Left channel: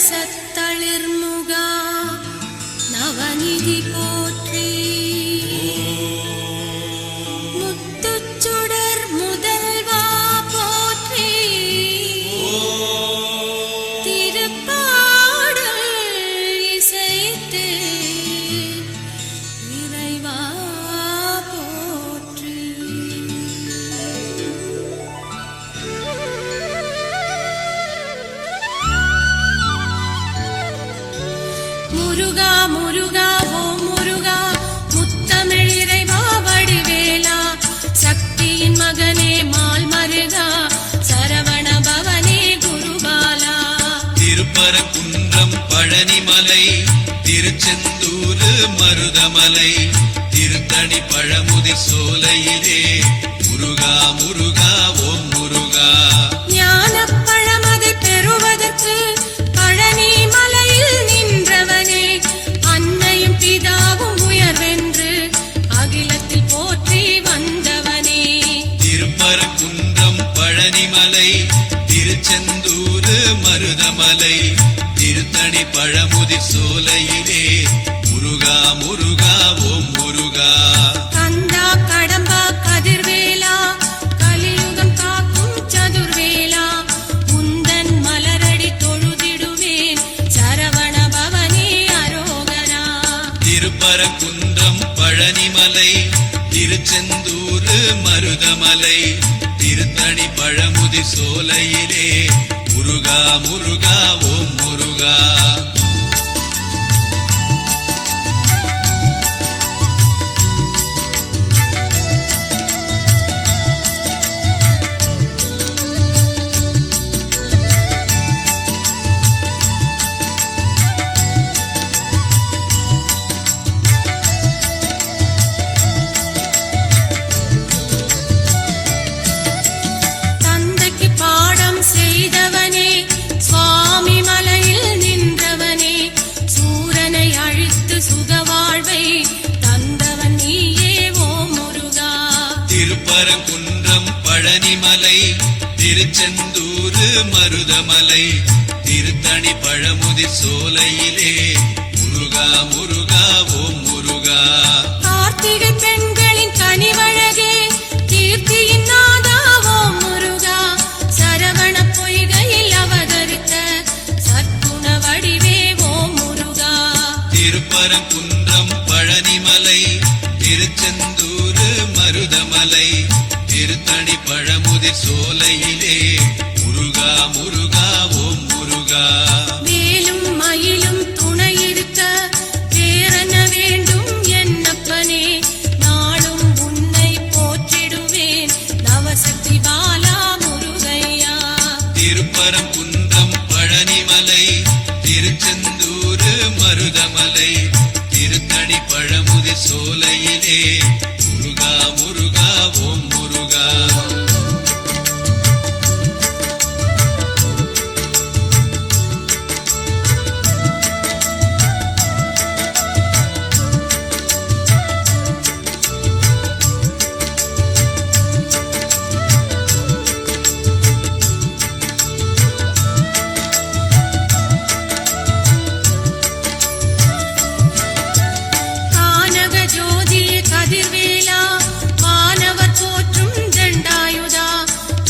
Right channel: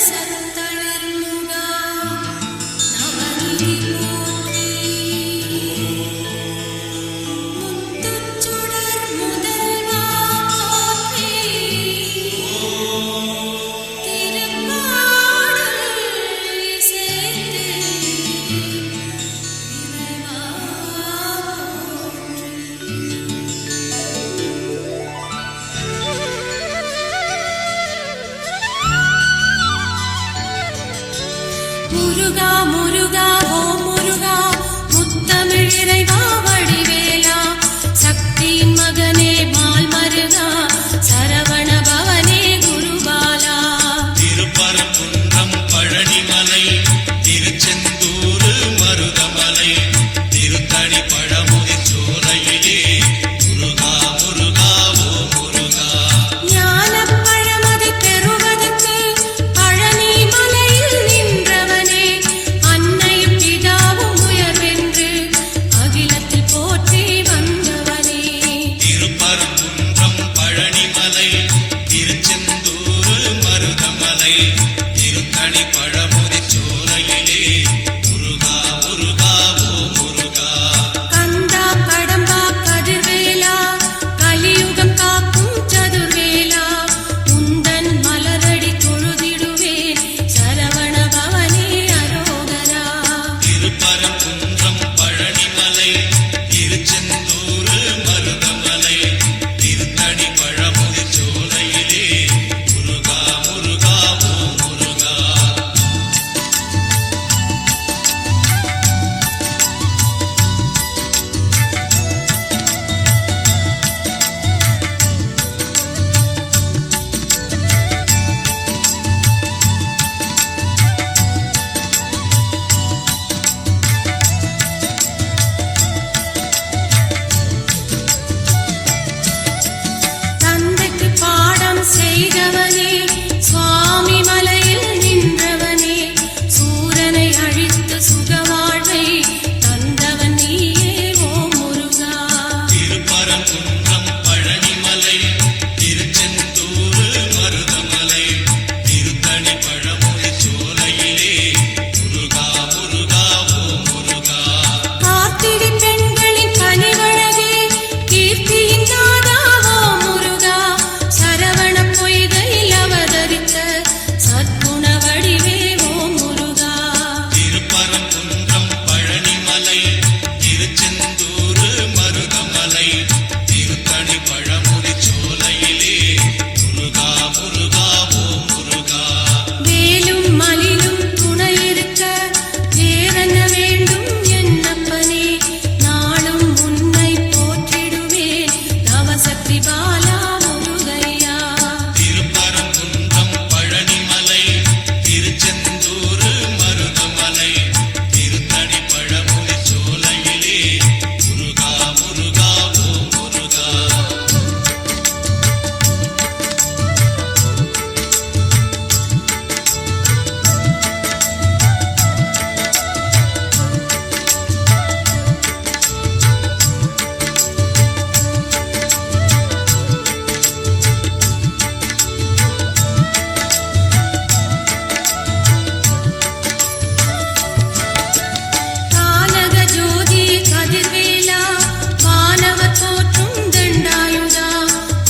சத்தளிர்முகா நவநிதி போற்றி முத்துச்சுடர் முதல்வா போற்றி திருப்பாடல் இசைத்து இறைவா போற்றி முருகா முருகா ஓ முருகா முத்தமிழ் இறைவா வடிவேலா சக்தியின் மகனே மால் மருகா சரவண பவனே குருபாலா திருப்பரங்குன்றம் பழனிமலை திருச்செந்தூர் மருதமலை திருத்தணி பழமுதி சோலையிலே முருகா முருகா ஓ முருகா ஞானப் பழமதை பெறுவதற்கு பழனி மலையில் நின்றவனே அன்னையும் பிதாவும் உயர்வென்று அகிலத்தில் போற்றி வந்தவனே திருப்பரங்குன்றம் பழனிமலை திருச்செந்தூர் மருதமலை திருத்தணி பழமுதி சோலையிலே முருகா முருகா ஓ முருகா கந்தா கடம்பா கதிர்வேலா கலியுகம் காக்கும் சதுர்வேலா உந்தன் மலரடி தொழுதிடுவேன் சரவண பவனே அரோகரா திருப்பரங்குன்றம் பழனிமலை திருச்செந்தூர் மருதமலை திருத்தணி பழமுதி சோலையிலே முருகா முருகா ஓ முருகா தந்தைக்கு பாடம் செய்தவனே சுவாமி மலையில் நின்றவனே சூரனை அழித்து சுகவாழ்வை தந்தவன் நீயே ஓ முருகா திருப்பரங்குன்றம் பழனிமலை திருச்செந்தூர் மருதமலை திருத்தணி பழமுதி சோலையிலே முருகா முருகா ஓ முருகா கார்த்திகை பெண்களின் கனிவழகே கீர்த்தியின் நாதா ஓ முருகா சரவண பொய்கையில் அவதரித்த சத்குண வடிவே ஓ முருகா திருப்பரங்குன்றம் பழனிமலை திருச்செந்தூர் மருதமலை திருத்தணி பழமுதி சோலையிலே முருகா முருகா ஓ முருகா மேலும் மலிலும் துணை இருக்க வேறென்ன வேண்டும் என்னப்பனே நாளும் உன்னை போற்றிடுவேன் நவசக்தி பாலா முருகையா திருப்பரங்குன்றம் பழனிமலை திருச்செந்தூர் மருதமலை திருத்தணி பழமுதி சோலையிலே முருகா முருகா ஓ முருகா கானக ஜோதிய கதிர்வேலா வானவ தோற்றும் தண்டாயுதா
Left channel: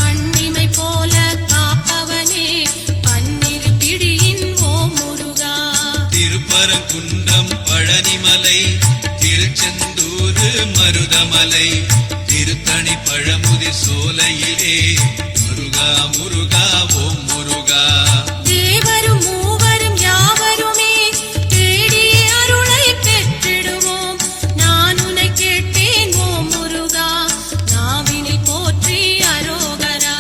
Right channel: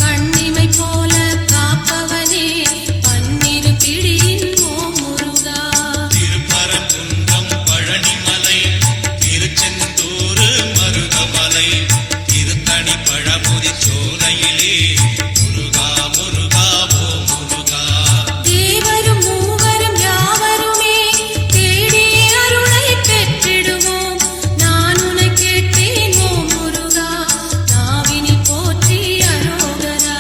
கண்ணிமை போல காப்பவனே பன்னிரு பிழியின் ஓ முருகா திருப்பரங்குன்றம் பழனிமலை திருச்செந்தூர் மருதமலை திருத்தணி பழமுதி சோலையிலே முருகா முருகா ஓ முருகா தேவரும் மூவரும் யாவருமே தேடி அருளை பெற்றிடுவோம் நான் உன்னை கேட்டேன் ஓ முருகா நாவினில் போற்றி அரோகரா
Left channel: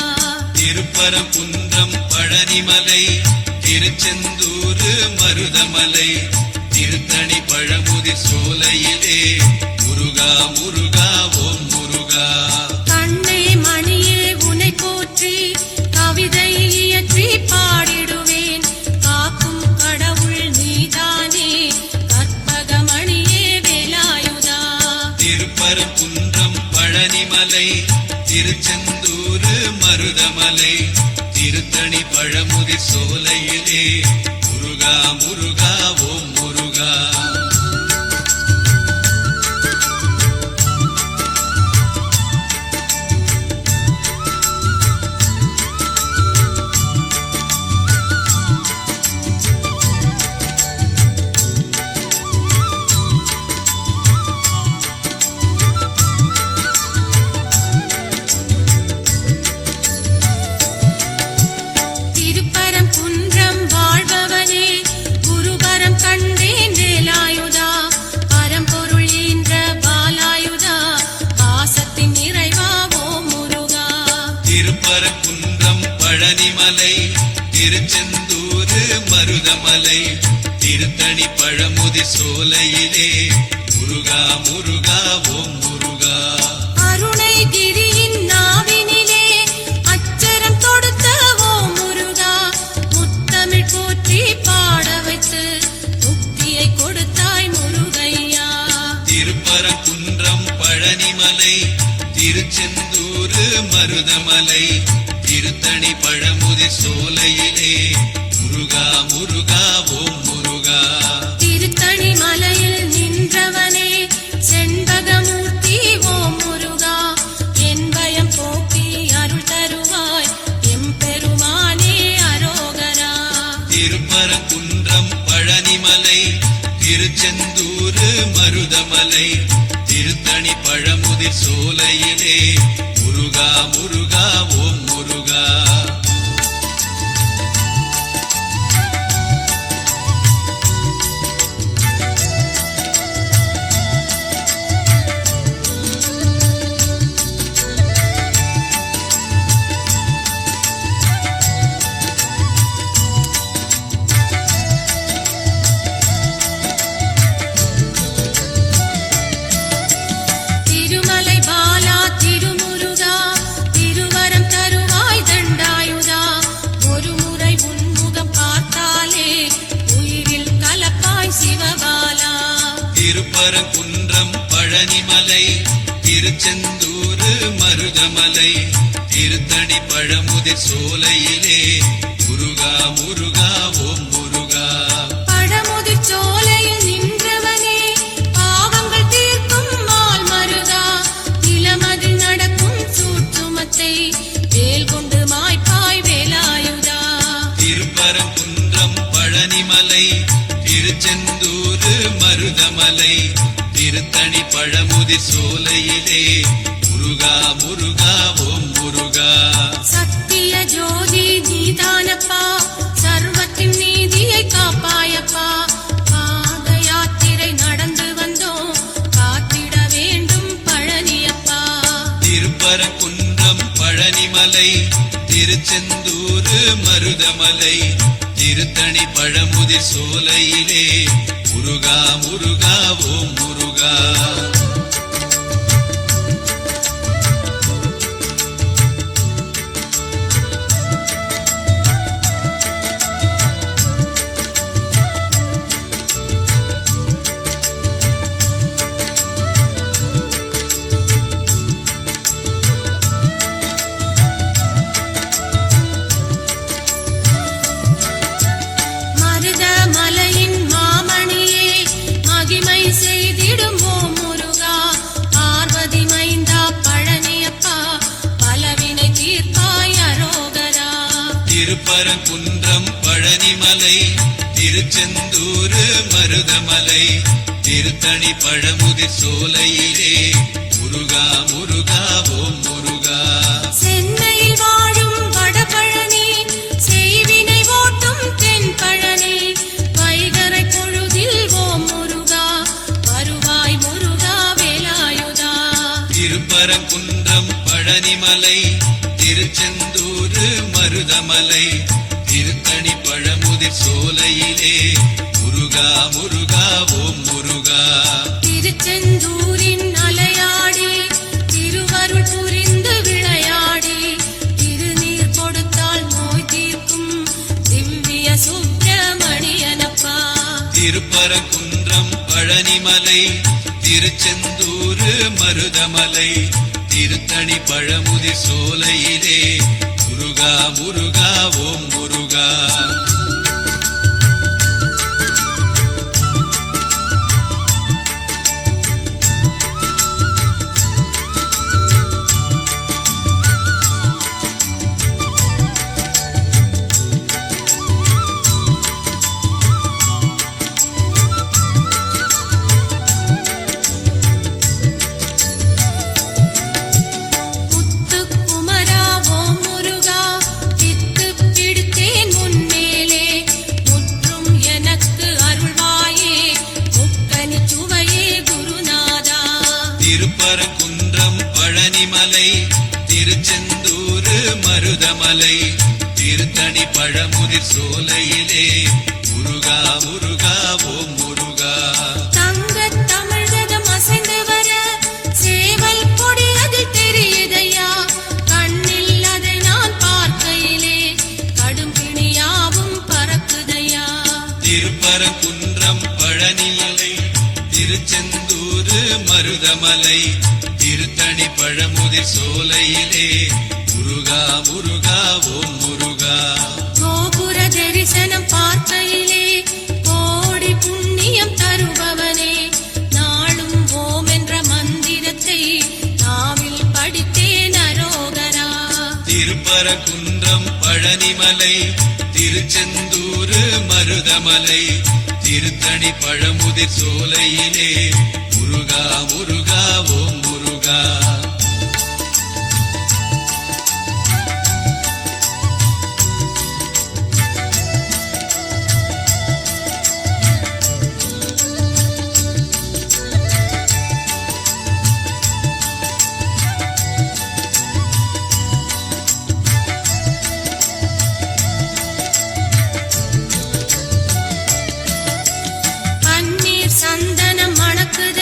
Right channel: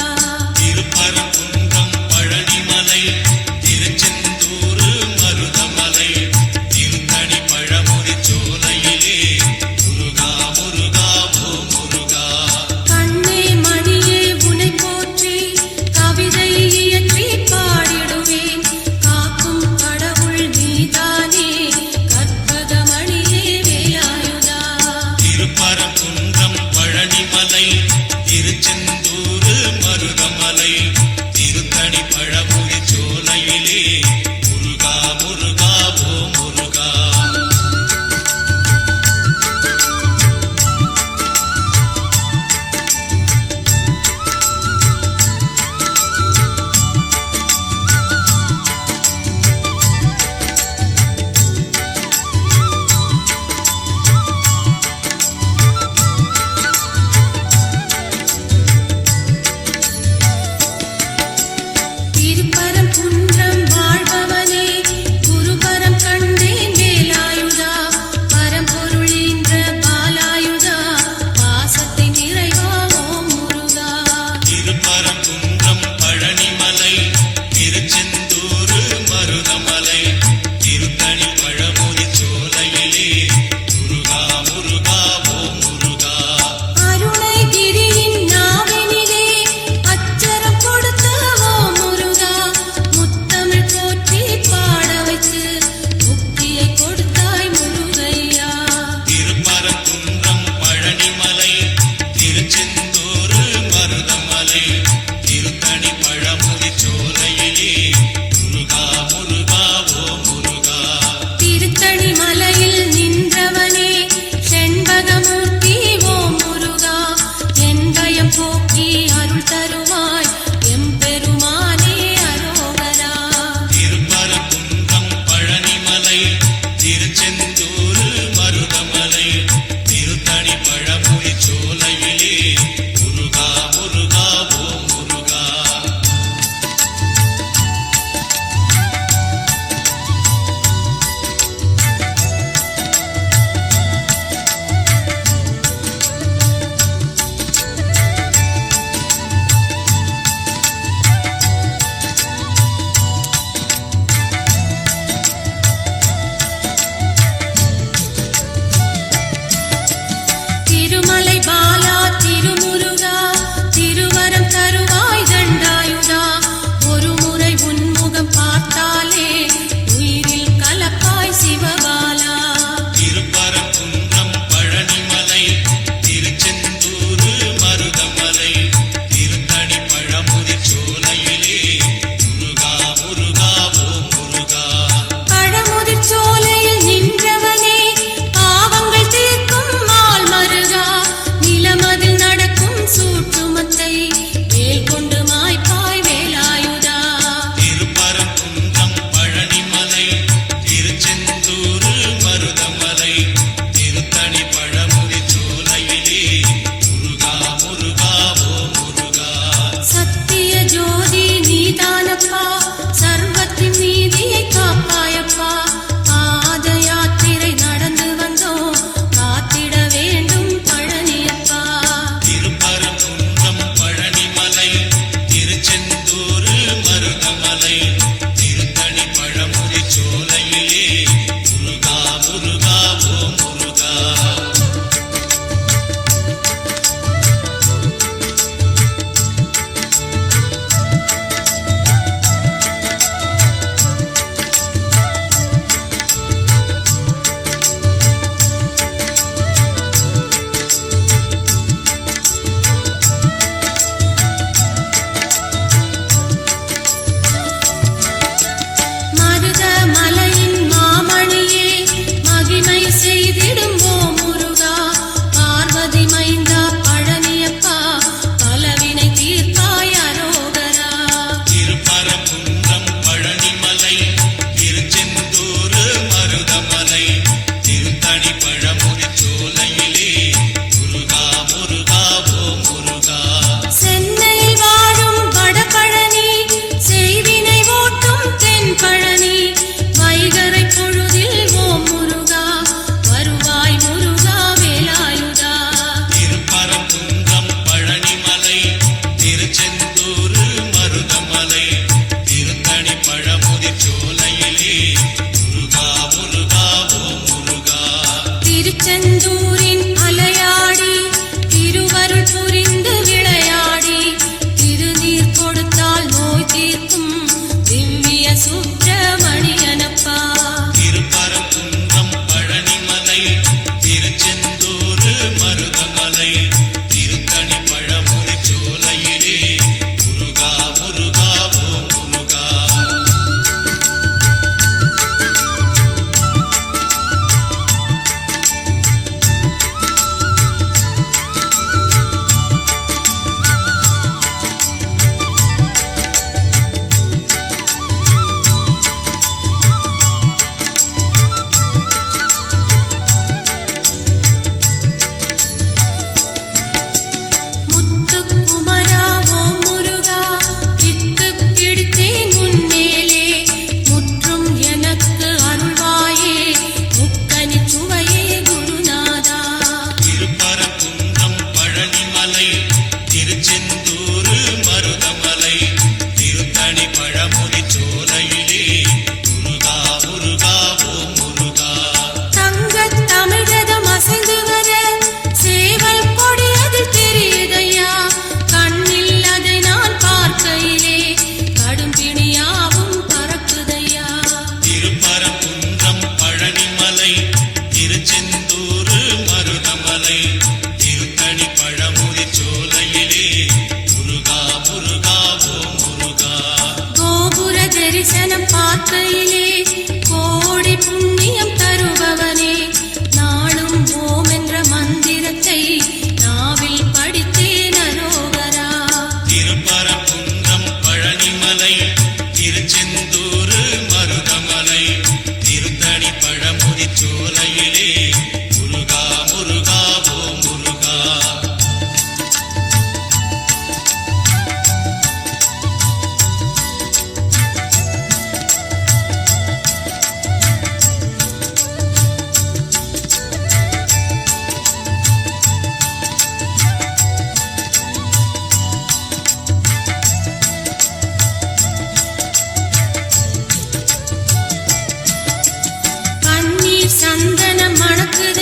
திருப்பரங்குன்றம் பழனிமலை திருச்செந்தூர் மருதமலை திருத்தணி பழமுதி சோலையிலே முருகா முருகா ஓ முருகா கண்ணே மணியே உன்னை போற்றி கவிதை இயற்றி பாடிடுவேன் காக்கும் கடவுள் நீதானே கற்பகமணியே வேலாயுதா திருப்பரங்குன்றம் பழனிமலை திருச்செந்தூர் மருதமலை திருத்தணி பழமுதி சோலையிலே மருதமலை திருத்தணி பழமுதி சோலையிலே முருகா முருகா ஓ முருகா. மருதமலையின் மாமணியே மகிமை செய்திடும் ஓ முருகா. பார்வதி மைந்தா பழனியப்பா பலவினை தீர்ப்பாய் அரோகரா. திருப்பரங்குன்றம் பழனிமலை திருச்செந்தூர் மருதமலை திருத்தணி பழமுதி சோலையிலே முருகா முருகா ஓ முருகா. சென்னையில் வாழும் வடபழனி செய்வினை ஓட்டும் தென்பழனி வைகறை பொழுதில் ஓ முருகா வருவாய் முருகா வேலாயுதா. திருப்பரங்குன்றம் பழனிமலை திருச்செந்தூர் மருதமலை திருத்தணி பழமுதி சோலையிலே முருகா முருகா ஓ முருகா. திருச்செந்தூரின் அலையாடி திருவருள் புரிந்து விளையாடி திருநீர் கொடுத்தால் நோய் தீர்க்கும் திவ்ய சுப்பிரமணியனப்பா. திருப்பரங்குன்றம் பழனிமலை திருச்செந்தூர் மருதமலை திருத்தணி பழமுதி சோலையிலே முருகா முருகா ஓ முருகா. முத்துக்குமரா ஓ முருகா வித்து பிடித்தேன் முன்னேலே முற்றும் எனக்கு அருள்வாயே முக்கனி சுவையே குருநாதா. திருப்பரங்குன்றம் பழனிமலை திருச்செந்தூர் மருதமலை திருத்தணி பழமுதி சோலையிலே முருகா முருகா ஓ முருகா. தங்கத் தமிழகம் அசைந்து வர சேவல் கொடி அதில் தெரியுதையா. கண்ணில் அதை நான் பார்க்கையிலே கடும் பிணியாவும் பறக்குதையா. திருப்பரங்குன்றம் பழனிமலை திருச்செந்தூர் மருதமலை திருத்தணி பழமுதி சோலையிலே முருகா முருகா ஓ முருகா. கோபுர தரிசனம் பார்க்கையிலே கோடி புண்ணியம் தருபவனே நாளும் ஓம் என்ற மந்திரத்தை நாவில் படித்தேன் அரோகரா. திருப்பரங்குன்றம் பழனிமலை திருச்செந்தூர் மருதமலை திருத்தணி பழமுதி சோலையிலே முருகா முருகா ஓ முருகா. பன்னீர் சந்தனம் மணக்குது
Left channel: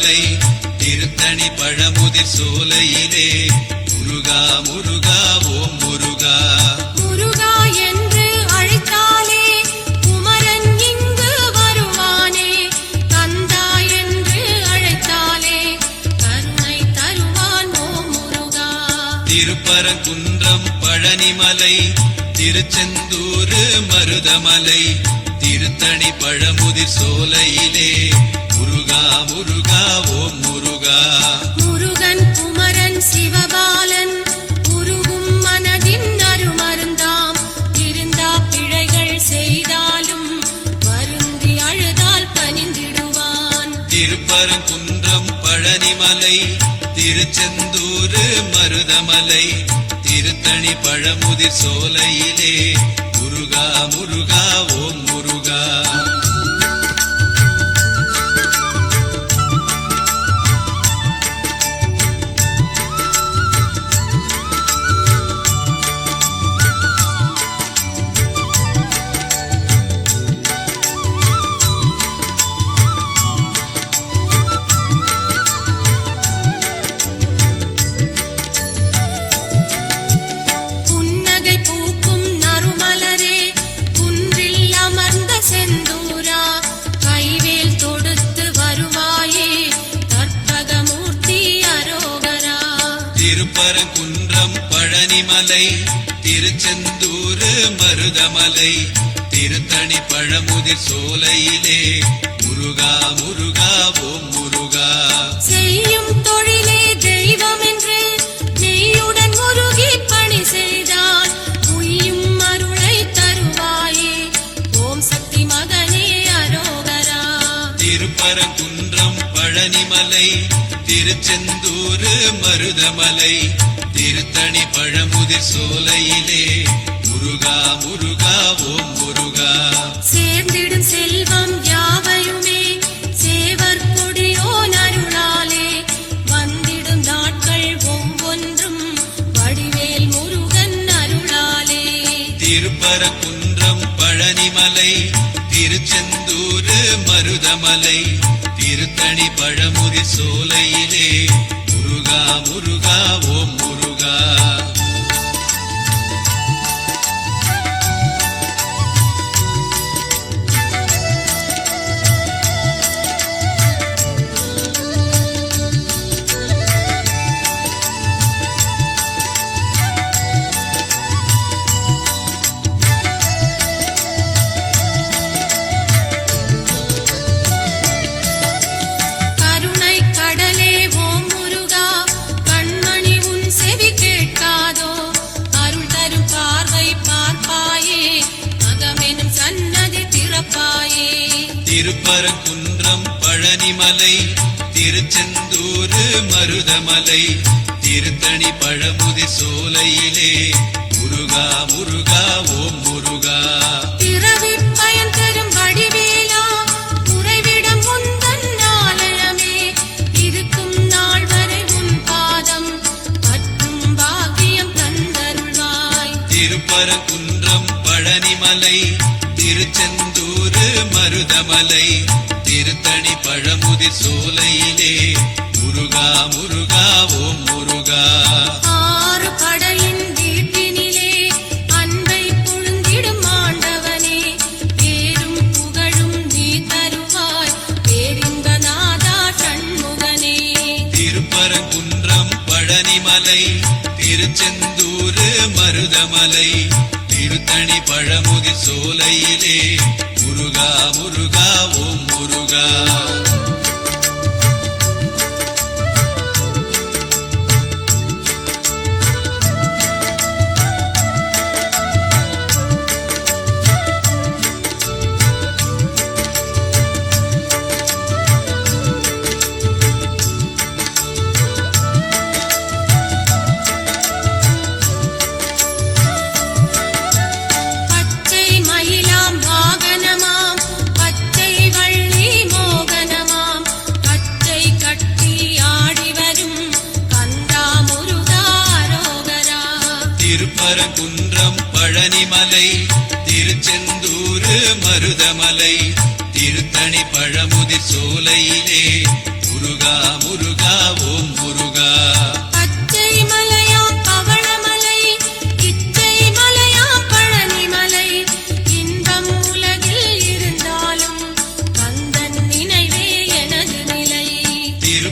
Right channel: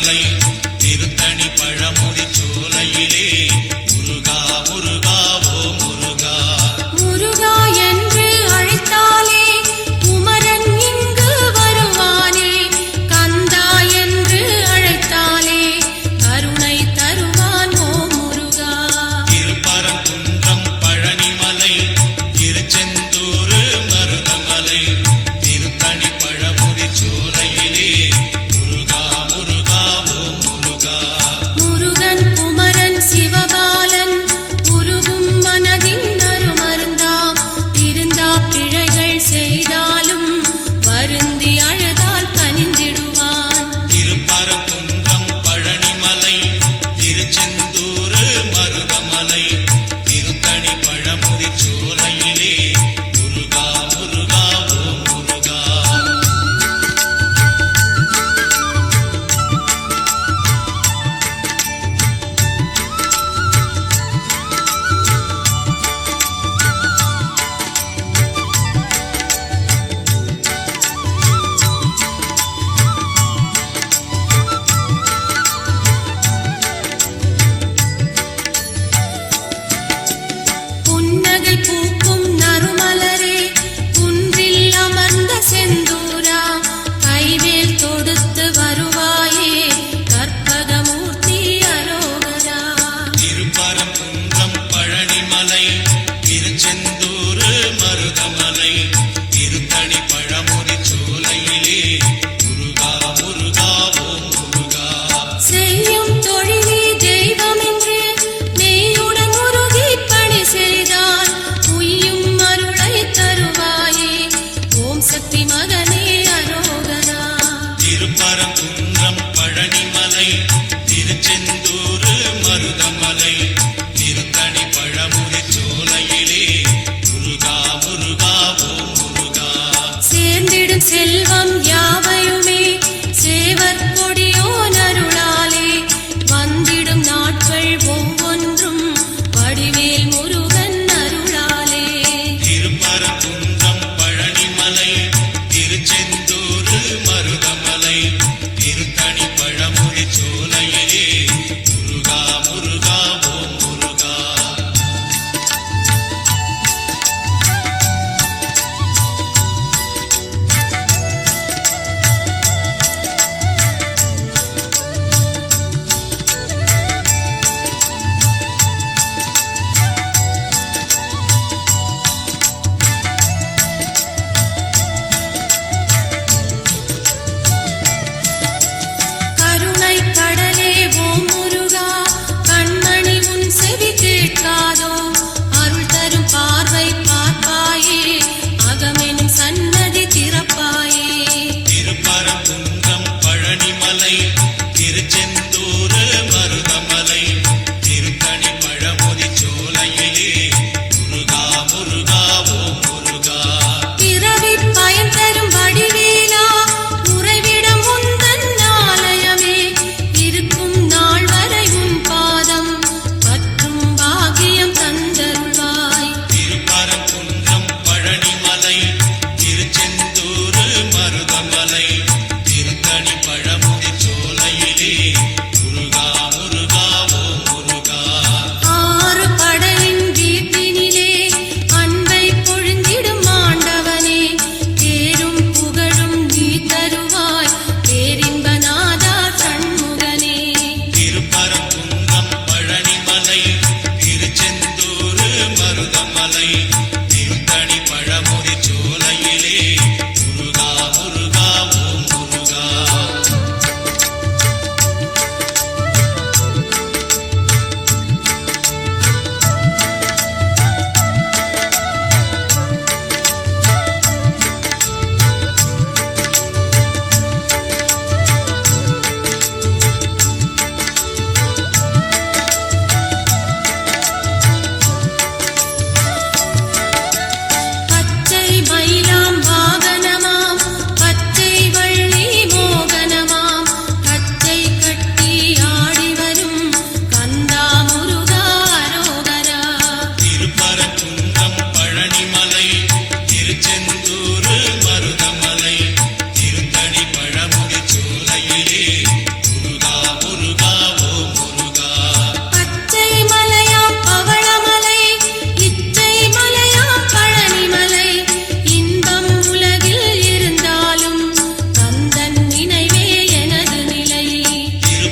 மருதமலை திருத்தணி பழமுதி சோலையிலே முருகா முருகா ஓ முருகா முருகா என்று அழைத்தாலே குமரன் இங்கு வருவானே கந்தா என்று அழைத்தாலே கருணை தருவான் ஓ முருகா திருப்பரங்குன்றம் பழனிமலை திருச்செந்தூர் மருதமலை திருத்தணி பழமுதி சோலையிலே முருகா முருகா ஓ முருகா முருகன் குமரன்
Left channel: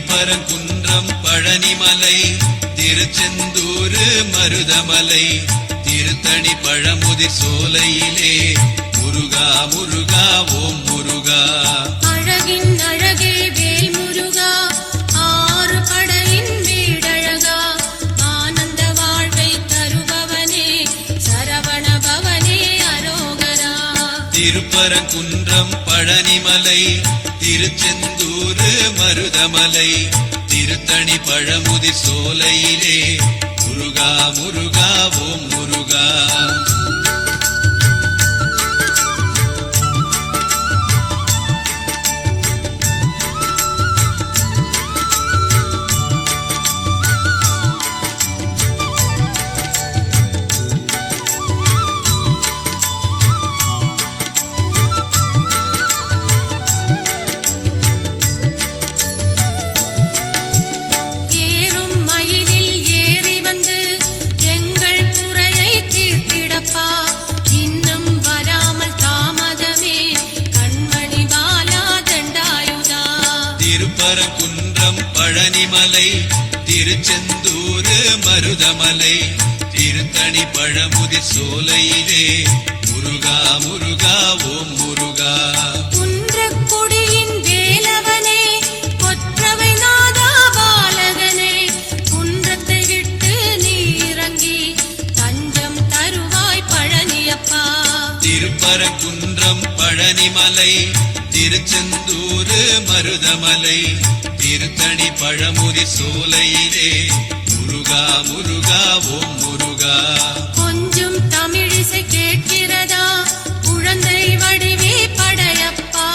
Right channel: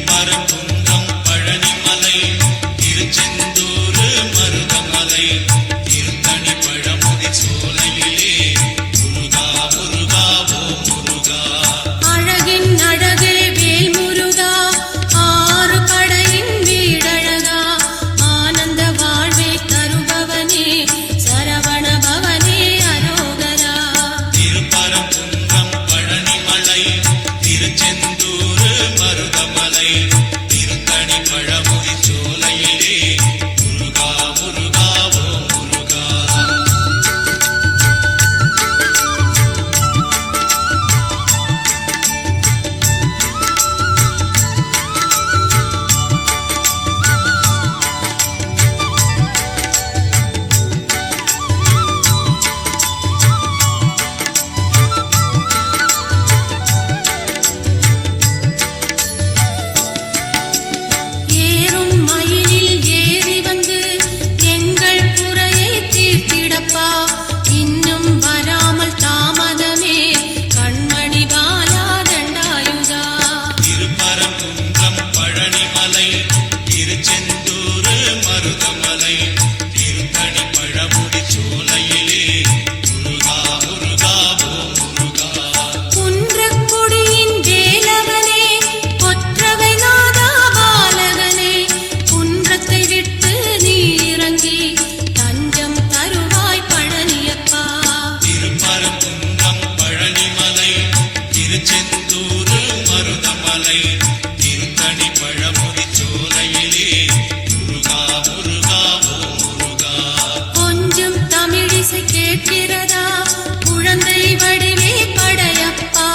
திருப்பரங்குன்றம் பழனிமலை திருச்செந்தூர் மருதமலை திருத்தணி பழமுதி சோலையிலே முருகா முருகா ஓம் முருகா. அழகின் அழகே வேல் முருகா, ஆறு படையின் வீடழகா, ஆனந்த வாழ்வை தருபவனே சரவண பவனே அரோகரா. திருப்பரங்குன்றம் பழனிமலை திருச்செந்தூர் மருதமலை திருத்தணி பழமுதி சோலையிலே முருகா முருகா ஓம் முருகா. ஏறும் மயிலில் ஏறி வந்து எங்கள் குறையை தீர்த்திடப்பா, இன்னும் வராமல் தாமதமே கண்மணி பாலா தண்டாயுதா. திருப்பரங்குன்றம் பழனிமலை திருச்செந்தூர் மருதமலை திருத்தணி பழமுதி சோலையிலே முருகா முருகா ஓம் முருகா. குன்றக் கொடியின் வேலவனே, கொற்றவை நாதா பாலகனே, குன்றத்தை விட்டு நீ இறங்கி தஞ்சம் தருவாய் பழனியப்பா. திருப்பரங்குன்றம் பழனிமலை திருச்செந்தூர் மருதமலை திருத்தணி பழமுதி சோலையிலே முருகா முருகா ஓம் முருகா. கொஞ்சம் தமிழிசை கேட்கிறதா, குழந்தை வடிவே படையப்பா,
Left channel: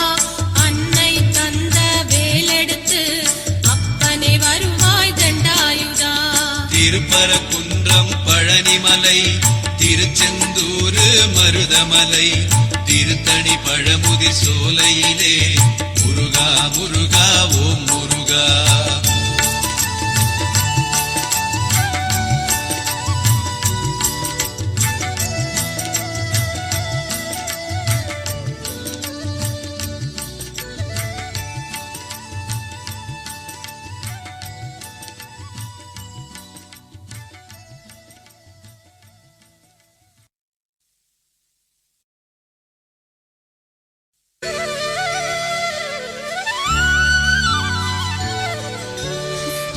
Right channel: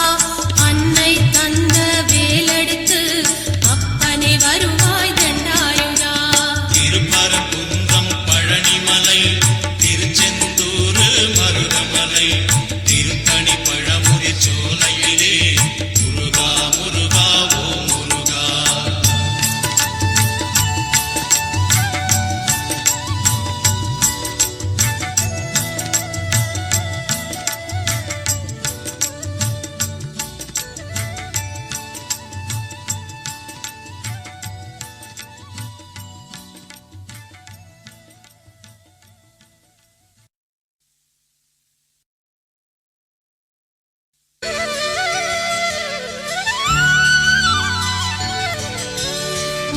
அன்னை தந்த வேலெடுத்து அப்பனே வருவாய் தண்டாயுதா. திருப்பரங்குன்றம் பழனிமலை திருச்செந்தூர் மருதமலை திருத்தணி பழமுதி சோலையிலே முருகா முருகா ஓம் முருகா.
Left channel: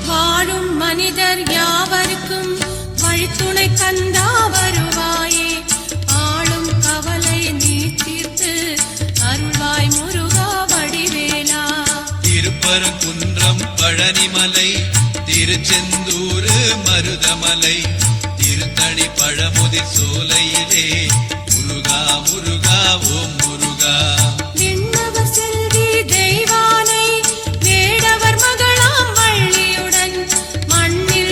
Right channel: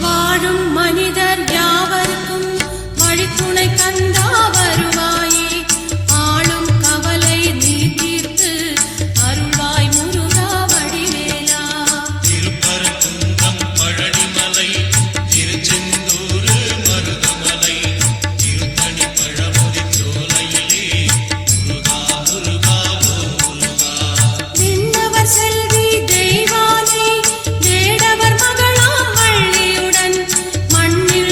வாழும் மனிதர் யாவருக்கும் வழித்துணை கந்தா வருவாயே, ஆளும் கவலை நீ தீர்த்து அருள்வாய் முருகா வடிவேலா. திருப்பரங்குன்றம் பழனிமலை திருச்செந்தூர் மருதமலை திருத்தணி பழமுதி சோலையிலே முருகா முருகா ஓம் முருகா. விண்ணவர் செல்வி தெய்வானை, வேடவர் மகளாம் வள்ளியுடன் மண்ணில்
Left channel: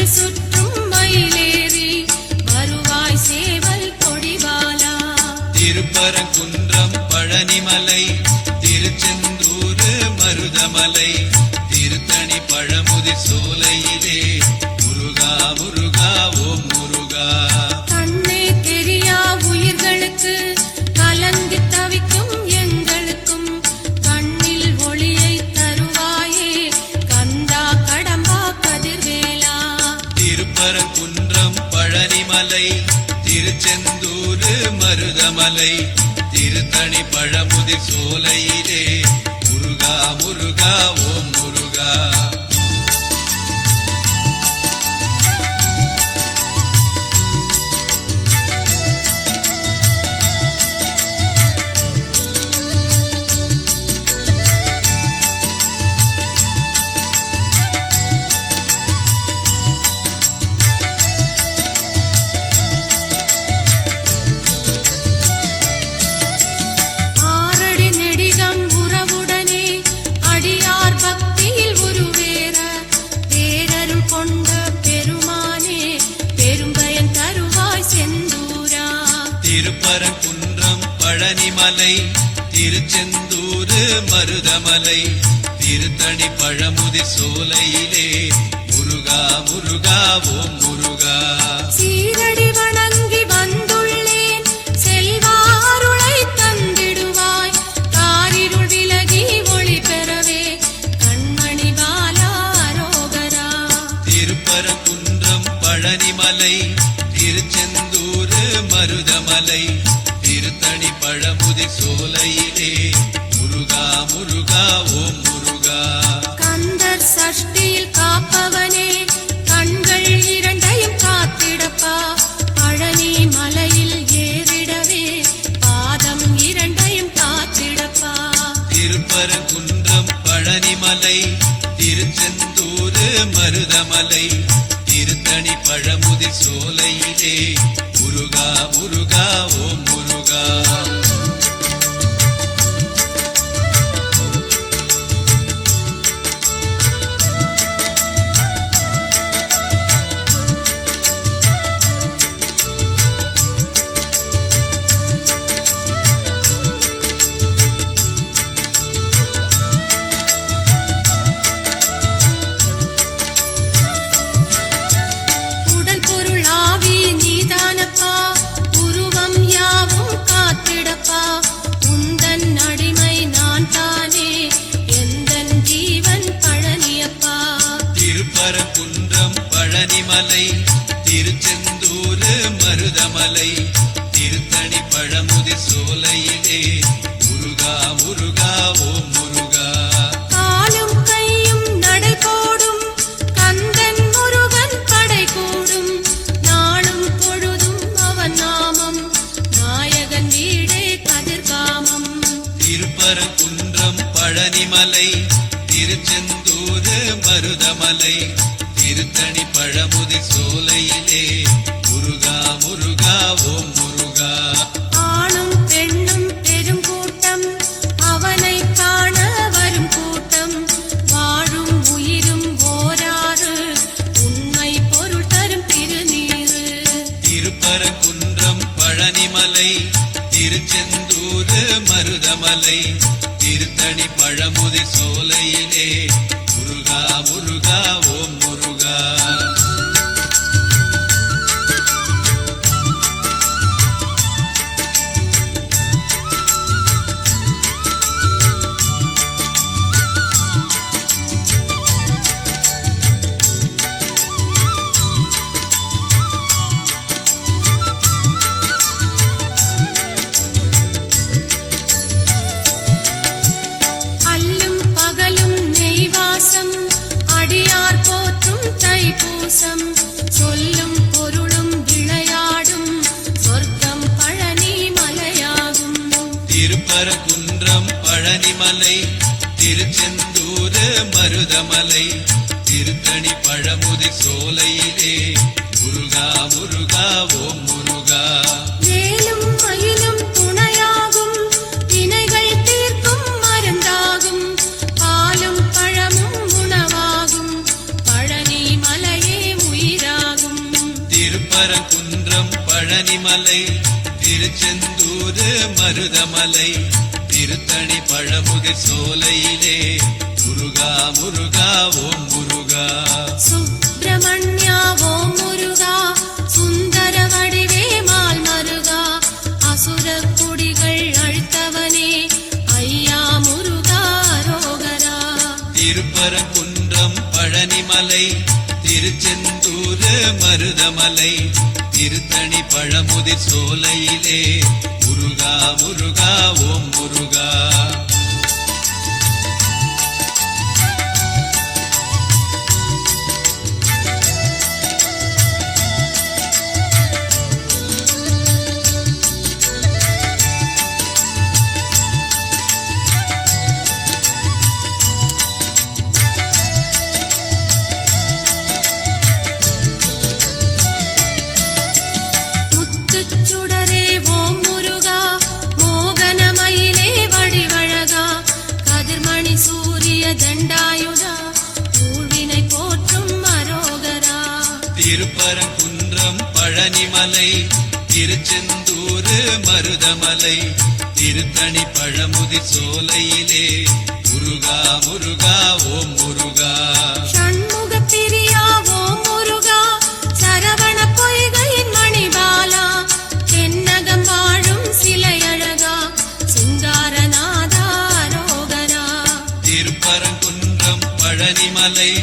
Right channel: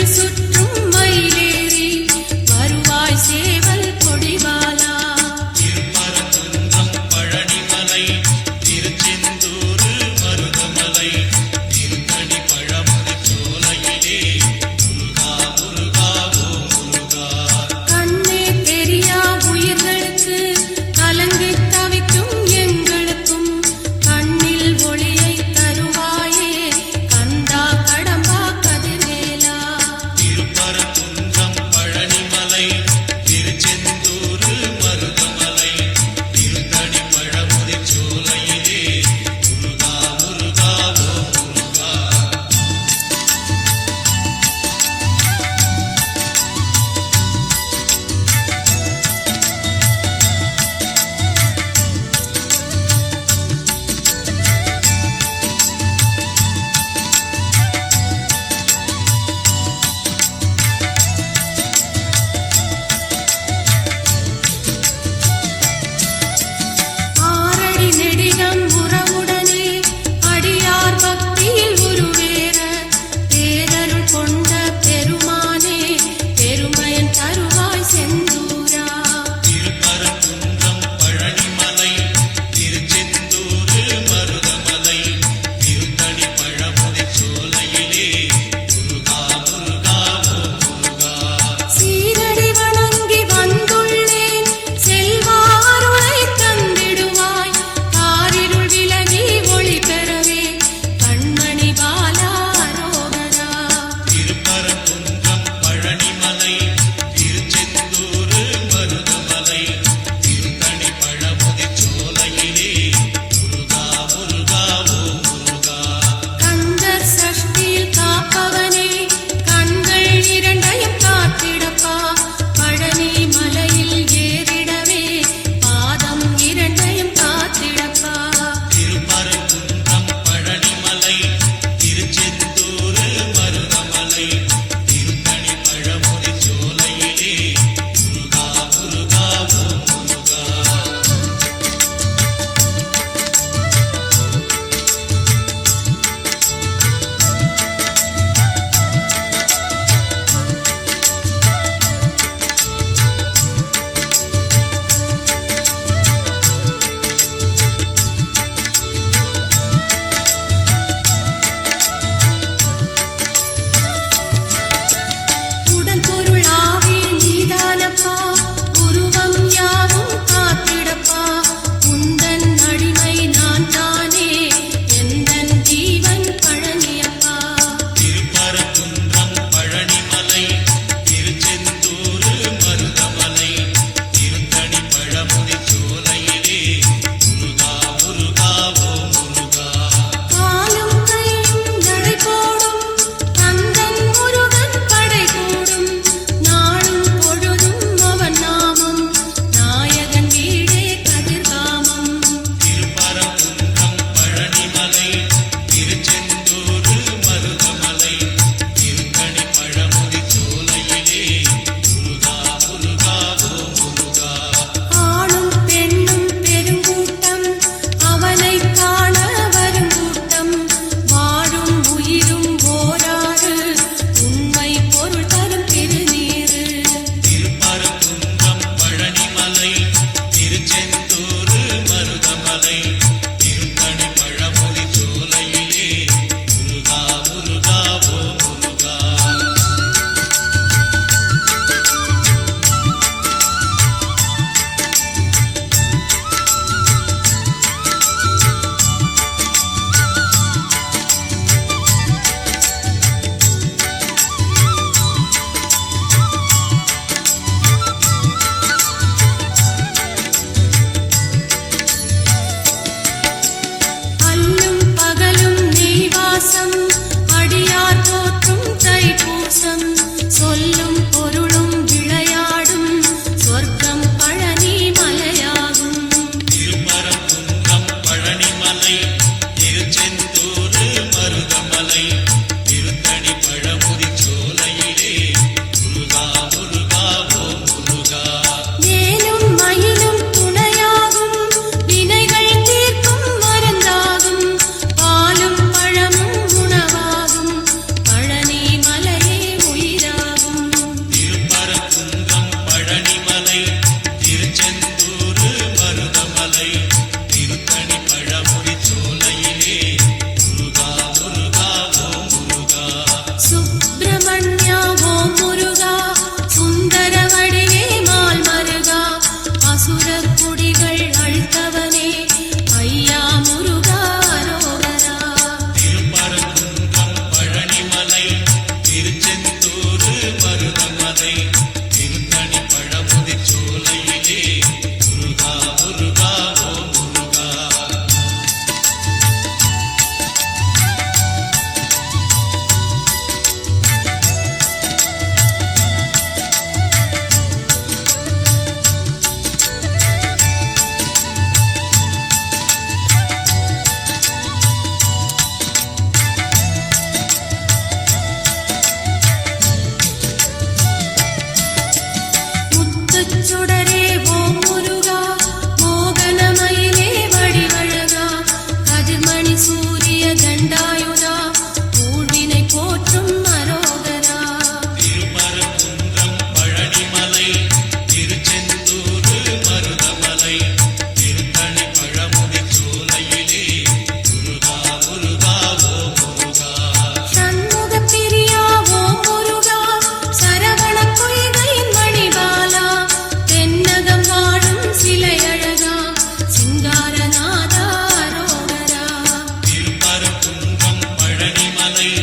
பழனிமலை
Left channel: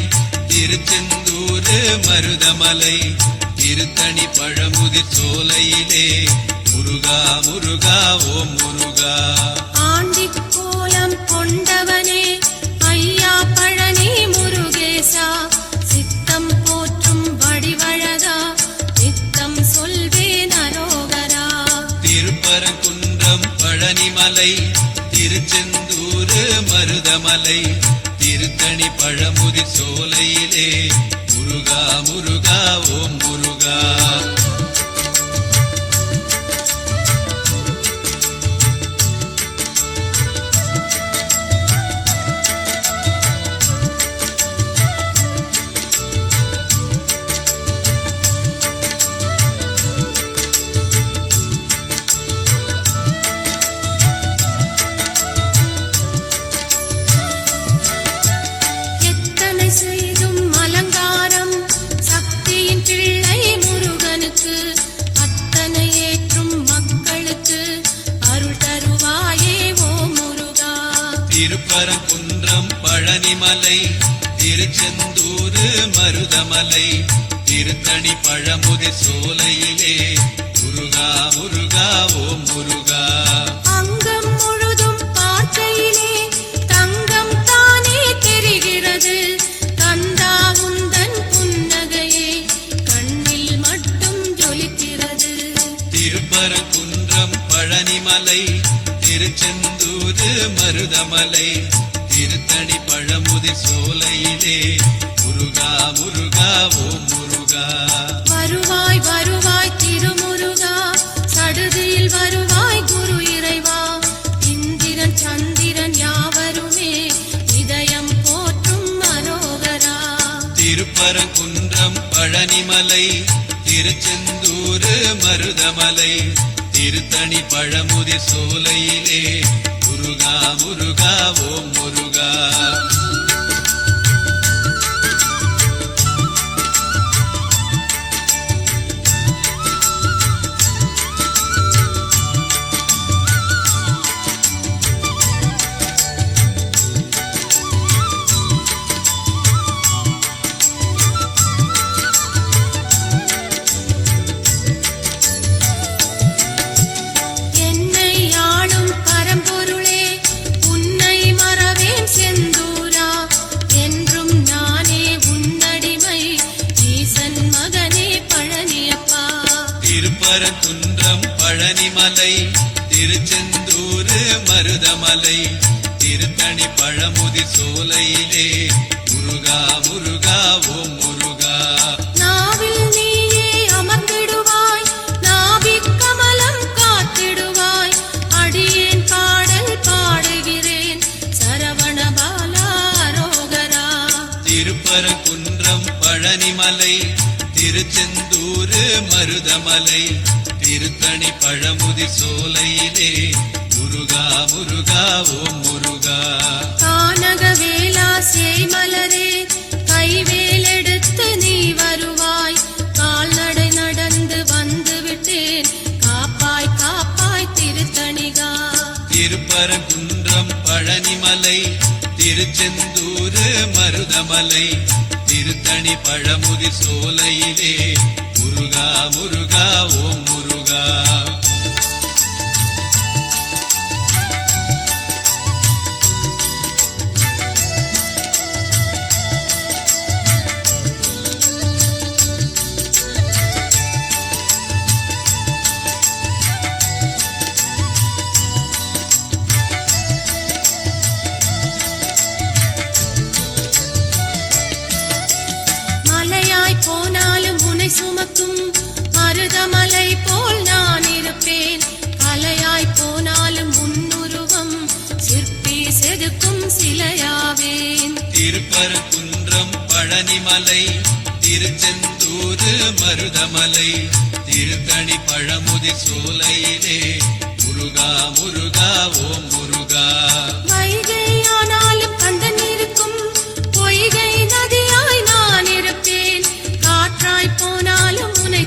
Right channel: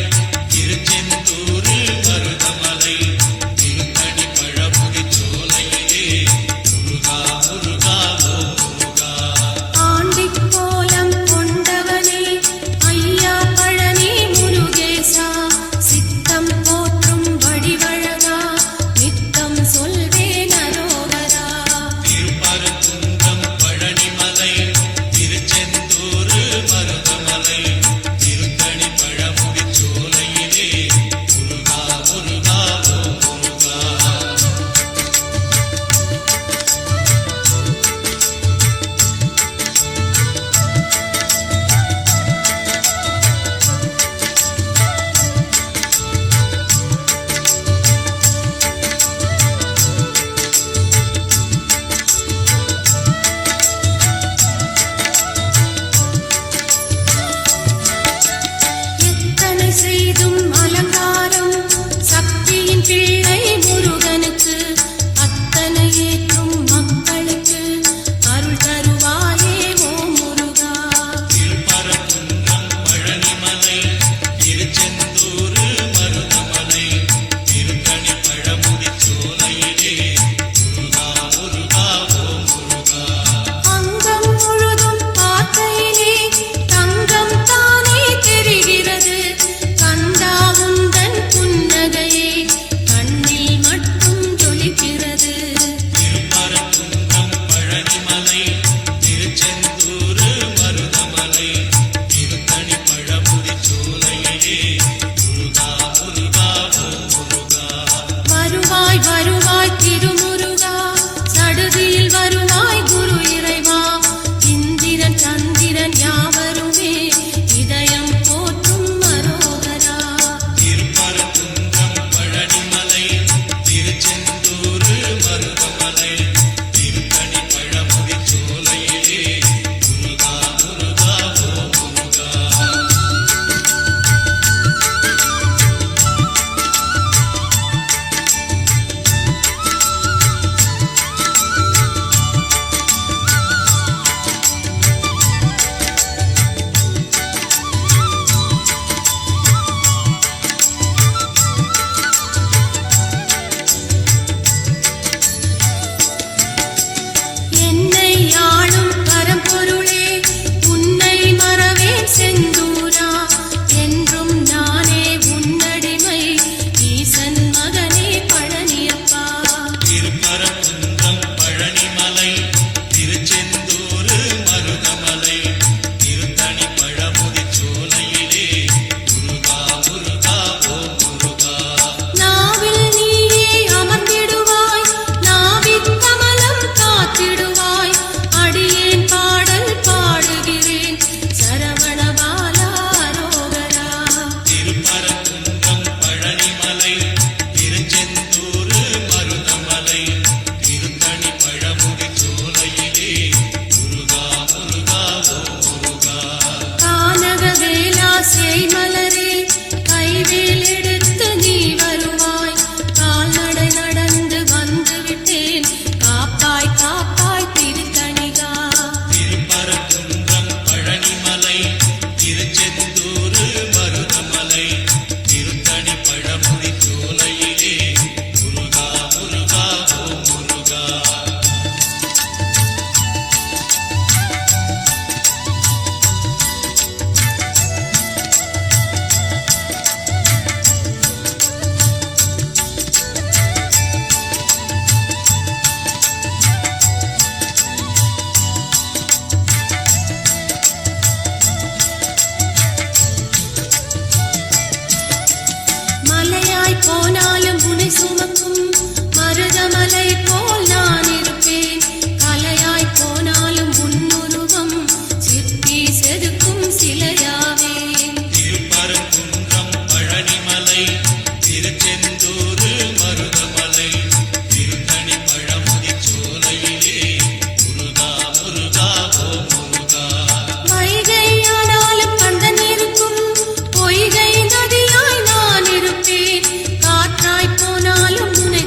திருச்செந்தூர் மருதமலை திருத்தணி பழமுதி சோலையிலே முருகா முருகா ஓம் முருகா. ஆண்டிக் கோலம் கொண்டவனே ஐயா பழனி முருகேசா, சித்தம் போற்றும் வடிவழகா நித்தம் சொல்வேன் அரோகரா. திருப்பரங்குன்றம் பழனிமலை திருச்செந்தூர் மருதமலை திருத்தணி பழமுதி சோலையிலே முருகா முருகா ஓம் முருகா. எத்தனை செய்தும் அலங்காரம் சக்தியின் பிள்ளை முருகனுக்கு, அத்தனை ஏற்றும் மக்களுக்கு அருள் தருவாயே ஓ முருகா. திருப்பரங்குன்றம் பழனிமலை திருச்செந்தூர் மருதமலை திருத்தணி பழமுதி சோலையிலே முருகா முருகா ஓம் முருகா. அங்கம் முழுதும் பார்க்கையிலே தங்கம் தானே தெரிகிறது, கந்தா உந்தன் புன்னகையே கண்ணில் மட்டும் ஜொலிக்கிறது. திருப்பரங்குன்றம் பழனிமலை திருச்செந்தூர் மருதமலை திருத்தணி பழமுதி சோலையிலே முருகா முருகா ஓம் முருகா. வருவாய் வருவாய் திருமுருகா, சடுதியில் வருவாய் குரு இறைவா. இந்திரன் சந்திரன் யாவருமே இதயம் போற்றும் அரோகரா. திருப்பரங்குன்றம் பழனிமலை திருச்செந்தூர் மருதமலை திருத்தணி பழமுதி சோலையிலே முருகா முருகா ஓம் முருகா. என்னை ஆளும் பரம்பொருளே உன்னை மறவேன் செந்தூரா, என்றும் நானே உன்னடிமை ஈசன் மகனே பழனியப்பா. திருப்பரங்குன்றம் பழனிமலை திருச்செந்தூர் மருதமலை திருத்தணி பழமுதி சோலையிலே முருகா முருகா ஓம் முருகா. நாவில் நீயே அமர்ந்திடுவாய், நாவிக் கமலம் காத்திடுவாய். அடியேன் பாடல் பாடுகிறேன் சரவணபாலா அரோகரா. திருப்பரங்குன்றம் பழனிமலை திருச்செந்தூர் மருதமலை திருத்தணி பழமுதி சோலையிலே முருகா முருகா ஓம் முருகா. கானகவேலா சேமலரே கைவேல் எடுத்து நீ வருவாய், கால்நடை நடந்து வந்து விட்டேன் காப்பாய் காப்பாய் திருத்தணிகா. திருப்பரங்குன்றம் பழனிமலை திருச்செந்தூர் மருதமலை திருத்தணி பழமுதி சோலையிலே முருகா முருகா ஓம் முருகா. மலையாய் போனாலும் உன்னை சுமக்கும் மருதமலை போல் நான் இருப்பேன், கலையாய் போனாலும் உன்னுருவம் சிற்பி செதுக்கும் சிலையாவேன். திருப்பரங்குன்றம் பழனிமலை திருச்செந்தூர் மருதமலை திருத்தணி பழமுதி சோலையிலே முருகா முருகா ஓம் முருகா. வைகையானாலும் கந்தன் இருக்கும், பொய்கை நதியாய் நான் இருப்பேன், காற்றாய் போனாலும் உன்னை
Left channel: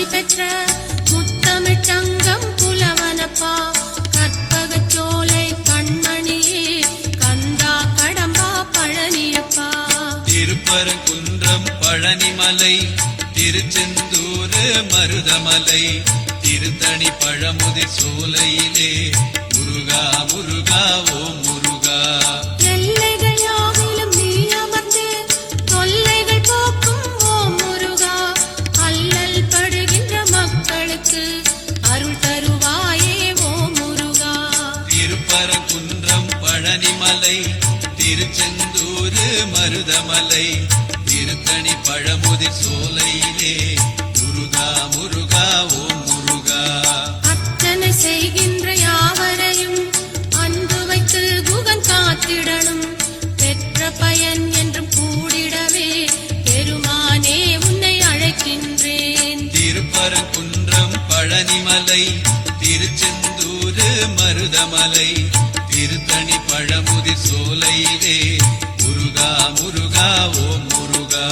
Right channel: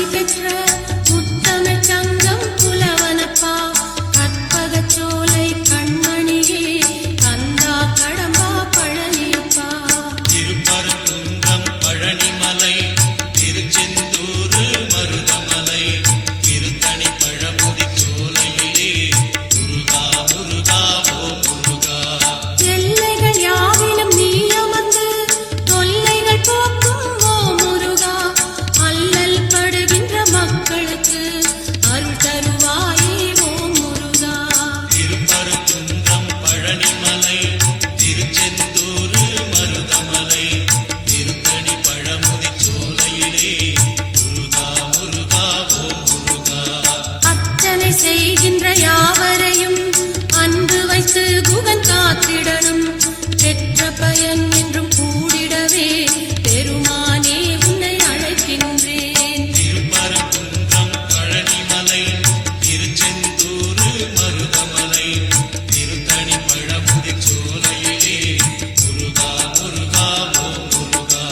ஆசி பெற்ற முத்தமிழ் தங்கம் புலவனப்பா கற்பகச் சோலை கண்மணியே கந்தா கடம்பா பழனியப்பா திருப்பரங்குன்றம் பழனிமலை திருச்செந்தூர் மருதமலை திருத்தணி பழமுதிர் சோலையிலே முருகா முருகா ஓம் முருகா எல்லைகள் யாவிலும் நீ அமர்ந்து தொல்லைகள் போக்கும் ஓ முருகா அல்லல் படுகின்ற மக்களுக்கு அருள் தருவாயே ஓ முருகா திருப்பரங்குன்றம் பழனிமலை திருச்செந்தூர் மருதமலை திருத்தணி பழமுதிர் சோலையிலே முருகா முருகா ஓம் முருகா அர்ச்சனை செய்கின்ற யாவரையும் அன்பு வைத்து குகன் காத்திடணும் பெற்ற பயன் என்றும் கூடிடவே பெருமானே உன்னை அழைக்கின்றேன் திருப்பரங்குன்றம் பழனிமலை திருச்செந்தூர் மருதமலை திருத்தணி பழமுதிர் சோலையிலே முருகா முருகா ஓம் முருகா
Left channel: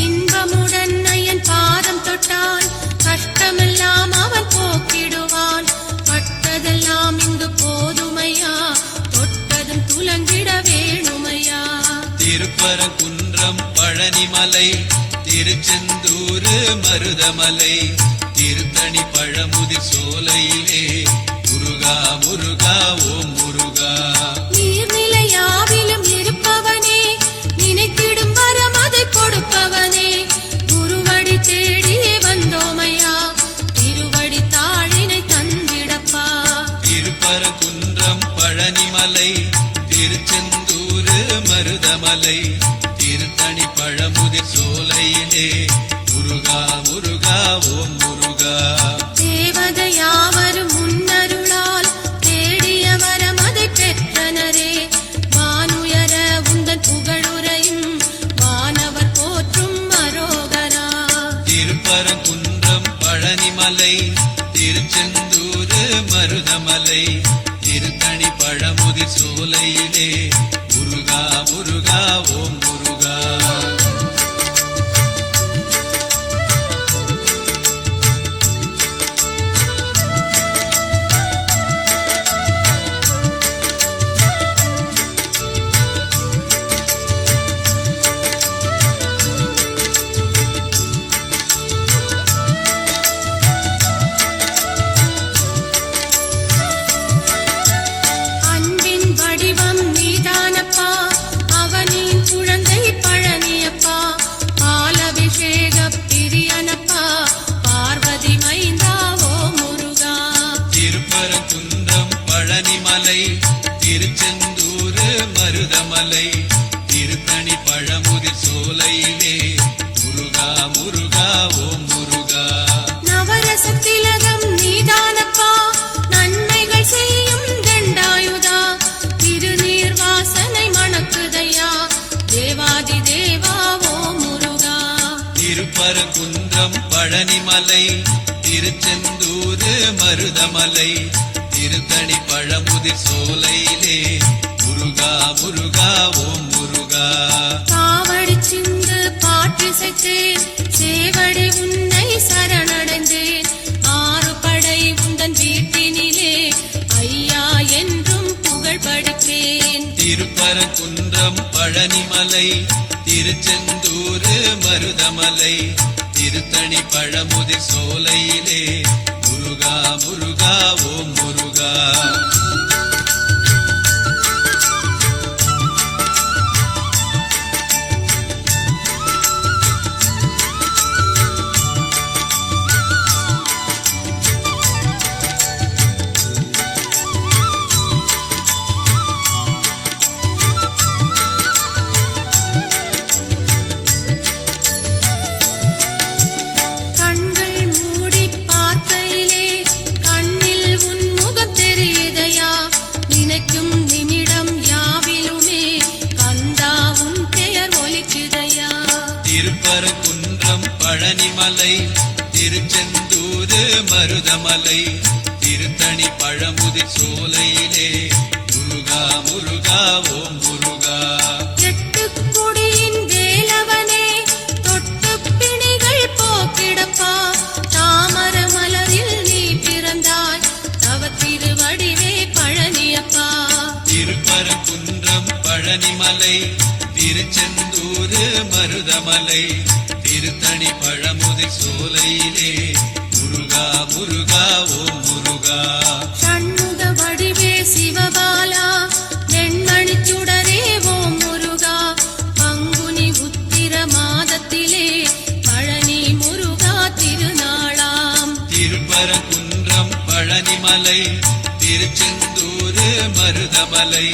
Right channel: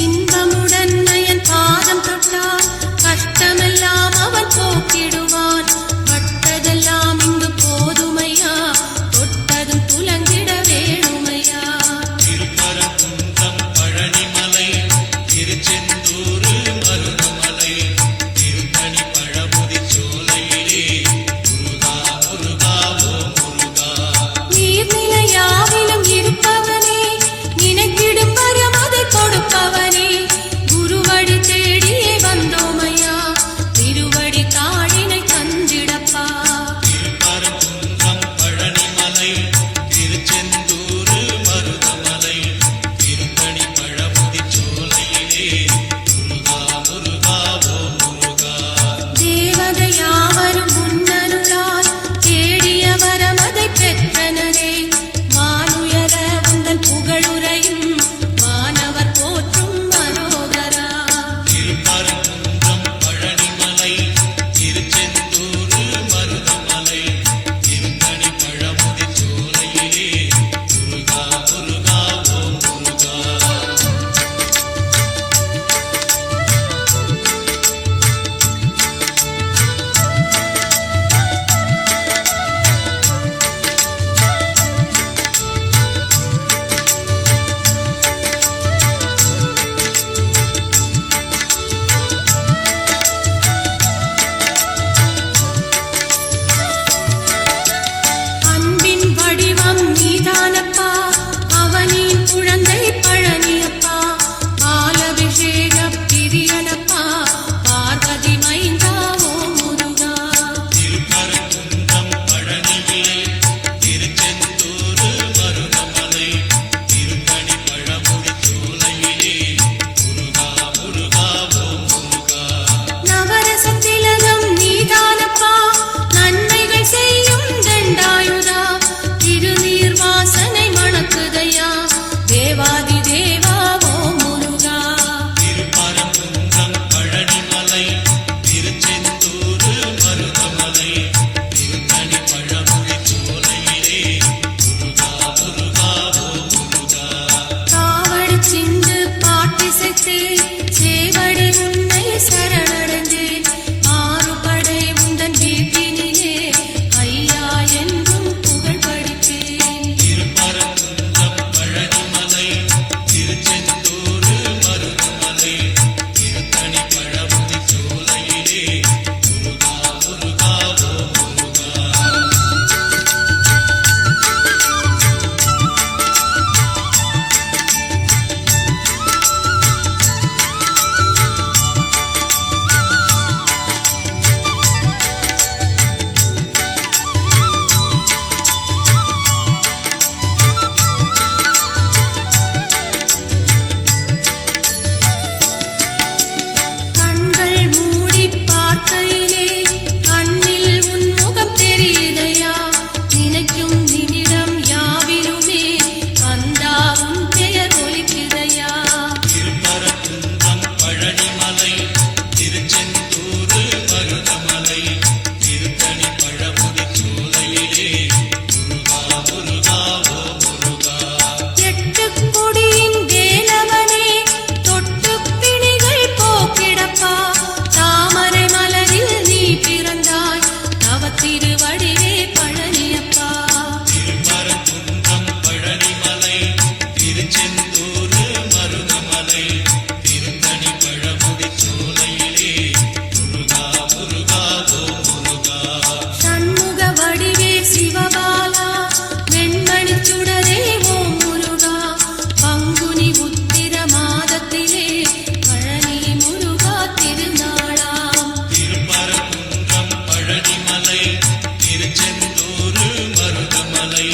இன்பமுடன் நயன் பாதம் தொட்டால் கஷ்டமெல்லாம் அவன் போக்கிடுவான் பட்டதெல்லாம் இங்கு போதுமையா தொட்டதும் துலங்கிட வேணுமையா திருப்பரங்குன்றம் பழனிமலை திருச்செந்தூர் மருதமலை திருத்தணி பழமுதிர் சோலையிலே முருகா முருகா ஓம் முருகா நீர்நிலை யாவிலும் இருப்பவனே நினைக்கிடும் வரம் அதை கொடுப்பவனே குருவடி தேடியே வந்தோமையா திருவடி தாழினை தந்திடப்பா திருப்பரங்குன்றம் பழனிமலை திருச்செந்தூர் மருதமலை திருத்தணி பழமுதிர் சோலையிலே முருகா முருகா ஓம் முருகா தேவதை யாவரும் முன்னருளால் தேடிய வரம் அதை பெற்றனரே வானுயர உந்தன் புகழுரையும் வானவர் போற்றும் மனோகரா திருப்பரங்குன்றம் பழனிமலை திருச்செந்தூர் மருதமலை திருத்தணி பழமுதிர் சோலையிலே முருகா முருகா ஓம் முருகா அன்பின் வடிவம் நீதானப்பா அவனின் குழந்தை பழனியப்பா பாலபிஷேக பிரியனப்பா பார்வதி மைந்தா ஓ முருகா திருப்பரங்குன்றம் பழனிமலை திருச்செந்தூர் மருதமலை திருத்தணி பழமுதிர் சோலையிலே முருகா முருகா ஓம் முருகா நவரச திலகம் நீதானப்பா நன்மைகள் செய்யும் தண்டாயுதா திருநீர் வாசனை மணக்குதையா தேவாதி தேவா ஓ முருகா திருப்பரங்குன்றம் பழனிமலை திருச்செந்தூர் மருதமலை திருத்தணி பழமுதிர் சோலையிலே முருகா முருகா ஓம் முருகா காவடி சிந்து பாட்டிசைத்தே சேவடி உன்னை சரணடைந்தே ஆறுபடை உந்தன் வீட்டினிலே ஐயா என்றும் புகழ் படிப்பேன் திருப்பரங்குன்றம் பழனிமலை திருச்செந்தூர் மருதமலை திருத்தணி பழமுதிர் சோலையிலே முருகா முருகா திருப்பரங்குன்றம் பழனிமலை திருச்செந்தூர் மருதமலை